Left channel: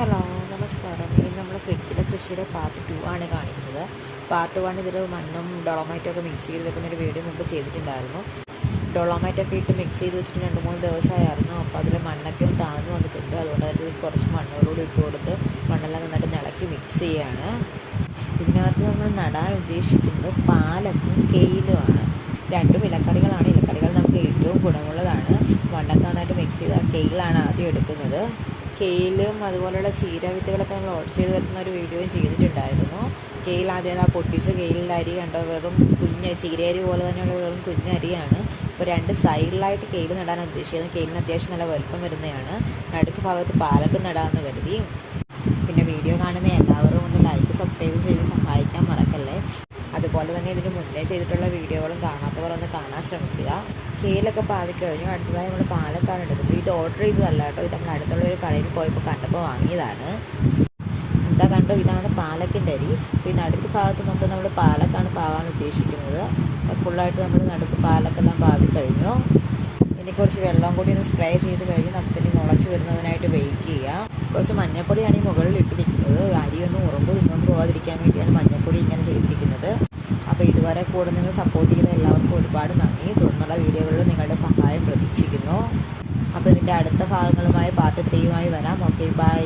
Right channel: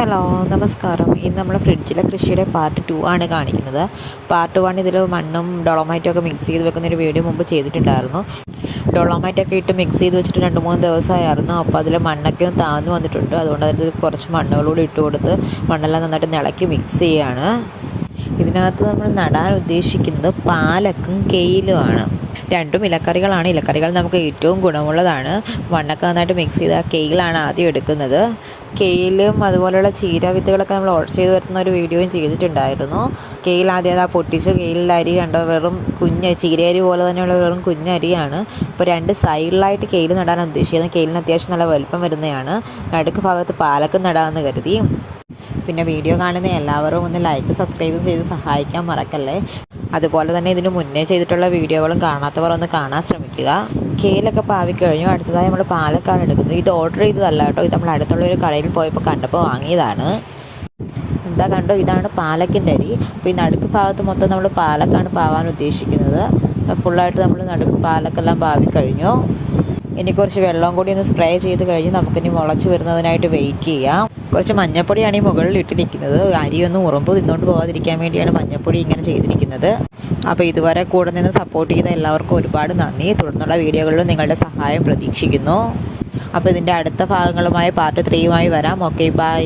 Hello നമസ്കാരം. ഇന്ന് നമ്മൾ ഫ്രിഡ്ജിലെ കൃഷിയുടെ പാർട്ട് 2 ആണ് കാണിക്കുന്നത്. പാർട്ട് 1 ഇതിൽ മണ്ണും ഡൊളോമൈറ്റും ഒക്കെ മിക്സ് ചെയ്ത് വെക്കുന്നൊരു വീഡിയോ മുമ്പ് ചെയ്തിട്ടുണ്ടായിരുന്നു. ഡൊളോമൈറ്റൊക്കെ ഇട്ട് മിക്സ് ചെയ്ത് വെച്ചിട്ട് 2-3 ദിവസമായിരുന്നു. അപ്പോൾ അതിൽ മണ്ണൊക്കെ ഒന്ന് താഴ്ന്നു വന്നിട്ടുണ്ട്. അതുകൊണ്ട് അതിൽ കുറച്ച് മണ്ണുകളൂടെ ഇട്ട് കൊടുത്ത് മണ്ണെല്ലാം നന്നായിട്ട് ഇളക്കി മിക്സ് ചെയ്യുകയാണ്. ഇതിനകത്ത് നമ്മൾ നടാൻ ഉദ്ദേശിക്കുന്നത് പാലക്കും കെയിലുമാണ്. രണ്ടും ഇലക്കറികളാണ്. ഇലക്കറികൾ നമുക്ക് ഏറ്റവും ഗുണമുള്ളതാണ്. മണ്ണൊക്കെ നന്നായിട്ട് മിക്സ് ചെയ്ത് ആ കെയിലാണ് ആദ്യം എടുക്കുന്നത്. കെയിലും അതുപോലെയുള്ള ചീര വിത്തുകളൊക്കെ നമ്മൾ ഓർഡർ ചെയ്ത് വരുന്ന ഒരു വീഡിയോയും ചെയ്തിട്ടുണ്ടായിരുന്നു. കെയിൽ ആദ്യം പൊട്ടിച്ച് കെയിലിൽ അരി കണ്ടോ, വെറും ചീരയരി പോലെ തന്നെയുള്ള വെറും കുഞ്ഞരിയാണ്. ഇപ്പോൾ 2 സൈഡിലായിട്ട് കെയിൽ നടാൻ ഉദ്ദേശിക്കുന്നത്. കെയിലിന് അത്യാവശ്യം നല്ല വലുപ്പം വരുന്നതാണ്. നടുക്ക് ഭാഗത്ത് പാലക്കും നടാമെന്ന് കരുതി. പിന്നെ വീഡിയോ കാണുന്ന എല്ലാവരും ഒന്ന് ലൈക്ക് സബ്സ്ക്രൈബ് ചെയ്ത് സഹായിക്കാൻ മറക്കല്ലേ. അതുപോലെ തന്നെ ഇതിന് മുന്നേ ചെയ്തിട്ടുള്ള വീഡിയോകളും കാണാത്തവർ ഒന്ന് കാണാൻ ശ്രമിക്കുക. കെയിലൊക്കെ പാവിക്കഴിഞ്ഞു. അടുത്തതായി നമ്മൾ പാലക്കാണ് എടുക്കുന്നത്. ഇത് ഓർഡർ ചെയ്തതല്ല കേട്ടോ, ഇത് നമ്മൾ അടുത്തുള്ള ഒരു കടയിൽ പോയപ്പോൾ കണ്ടപ്പോൾ വാങ്ങിയതാണ്. എന്താ കണ്ടോ, ഇതാണ് പാലക്കിൻ്റെ അരി. അപ്പോൾ ഈ നടുക്ക് ഭാഗത്ത് മൊത്തം നമ്മൾ പാലക്കാണ് പാവാൻ ഉദ്ദേശിക്കുന്നത്. ഫുള്ളായിട്ട് നമ്മൾ നടുക്ക് പാലക്കെല്ലാം പാവിക്കഴിഞ്ഞു. ഇനി കുറച്ച് വെള്ളം കൂടി ഒന്ന് സ്പ്രേ ചെയ്ത് കഴിഞ്ഞ് നമുക്കിനി മുളച്ച് വരുന്നതിനായിട്ട് വെയിറ്റ് ചെയ്യാം. കുറച്ച് മഞ്ഞപ്പൊടിയാണ് ഈ മുകളിൽ ഇട്ടിരിക്കുന്നത്. അരിയൊന്നും ഉറമ്പ് തിന്നുകൊണ്ട് പോകാതിരിക്കാൻ വേണ്ടിയാണ് മഞ്ഞപ്പൊടി ഇങ്ങനെ ചെയ്തിരിക്കുന്നത്. അപ്പോൾ ഇതുവരെ കൂടെ നിന്ന് സപ്പോർട്ട് ചെയ്ത എല്ലാവർക്കും ഒരുപാട് നന്ദി. തുടർന്നുള്ള വീഡിയോകളിലും നിങ്ങളുടെ സഹായം പ്രതീക്ഷിക്കുന്നു. അപ്പോൾ ഇതിൻ്റെ അടുത്ത ഭാഗങ്ങളുമായി പാർട്ട് 3 വരാം. Okay, by.